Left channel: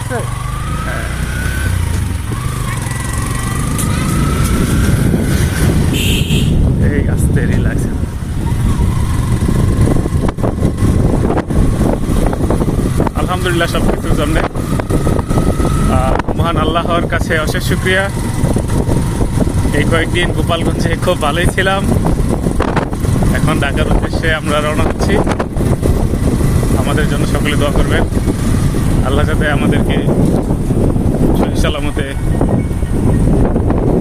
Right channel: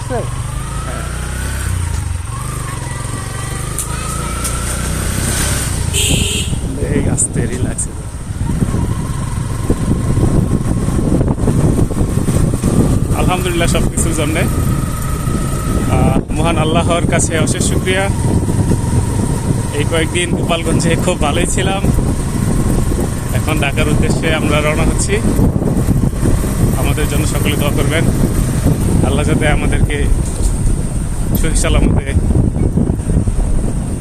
উঠছে। হ্যাঁ, এই আস্তে রিল্যাক্স। আলহামদুলিল্লাহ সবকিছুর জন্য মহান আল্লাহর কাছে অশেষ শুকরিয়া। এই কয়েকদিন গোপালগঞ্জে খুব ভালোই ছিলাম। এখন ঢাকার উদ্দেশ্যে আমরা রওনা হচ্ছি। আমাদের জন্য সকলে দোয়া করবেন, আল্লাহ যাতে আমাদেরকে সহি সালামতে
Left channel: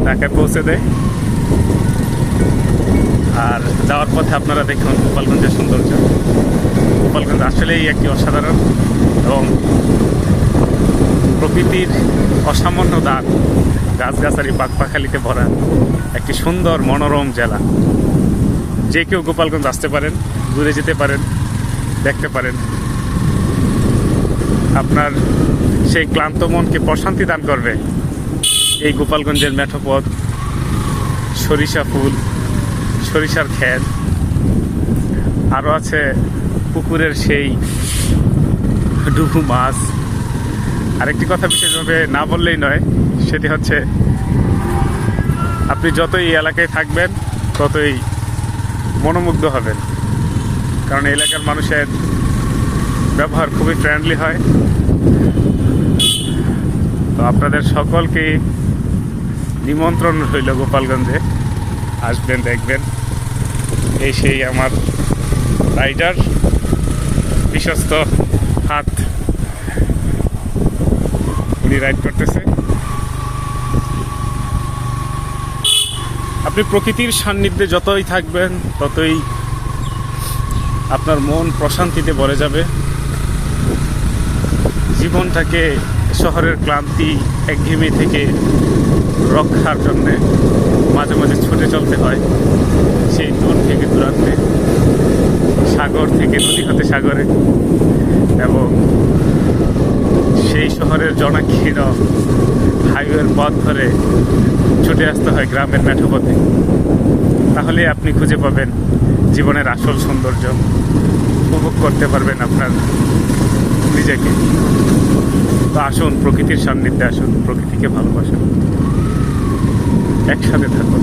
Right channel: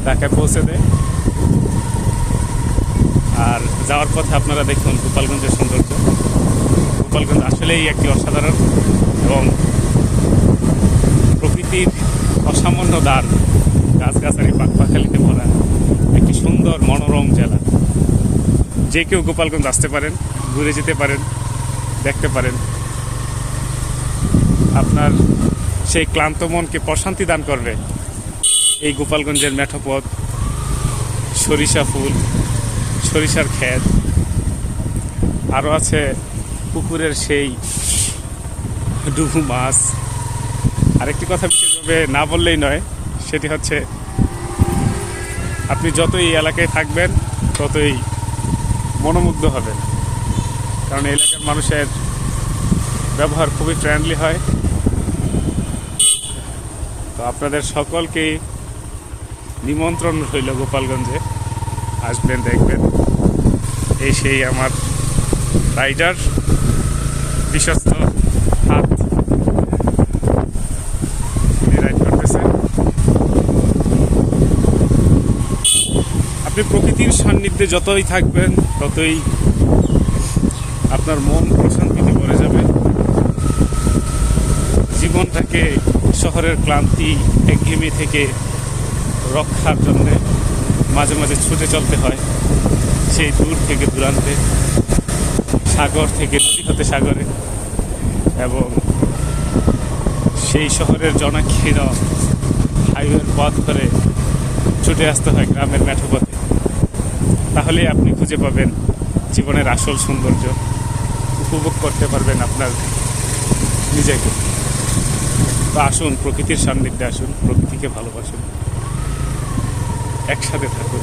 ঢাকায় পৌঁছে দেয়। আর যাওয়ার পথে আপনারা দেখুন গোপালগঞ্জের সৌন্দর্য। গোপালগঞ্জ আসলেই একটি অসাধারণ এবং প্রকৃতির অসামান্য দান, গাছগাছালি পাখপাখালিতে ভরা একটি সুন্দর মনোরম জেলা। যে কেউ গোপালগঞ্জ আসতে পারেন, ঘুরে যেতে পারেন, দেখতে পারেন। আপনার সেই ক্লান্ত মনকে প্রশান্তি দান করবে এই গোপালগঞ্জের মেঠোপথ, সরিষা ফুল, সরিষার ক্ষেত, আরও আছে পুকুরের সেই ডুবু মাছ। আরেকটি কথা বিশেষভাবে না বললেই নয়, সেটি হচ্ছে আপনি যতই এই এলাকায় থাকবেন ততই মনোমুগ্ধ হবেন, কারণ এই এলাকার মানুষের ব্যবহার খুবই ফ্রেন্ডলি হয়। তো আপনাদের সকলকে নিমন্ত্রণ রইল গোপালগঞ্জে, আসবেন, দেখবেন। এই সেই আমার রাইডার, বিশ্বস্ত হাত, উনি রাইড করতেছে। আপনি প্রকৃতির সান্নিধ্যে যতই থাকবেন ততই আপনার মন প্রশান্তিতে ভরে যাবে। জীবনটাকে শহরের ক্লান্তি একঘেয়েমি থেকে রক্ষার জন্যে মাঝে মাঝে ছুটে চলতে হয় সেই দূর থেকে দূরান্তে, সাগর থেকে নদী হতে সাগরে, এবং সেই শহরের জনাকীর্ণ হাইওয়ের পথ ধরে ছুটে আসতে হয় গ্রামের মেঠোপথে। তাহলে আপনি খুঁজে পাবেন জীবনের আসল সৌন্দর্য, উপভোগ করতে পারবেন আপনার নিজেকে। তো আসুন, প্রকৃতির সান্নিধ্যে আসুন, প্রকৃতিকে ভালোবাসুন, একসাথে থাকুন।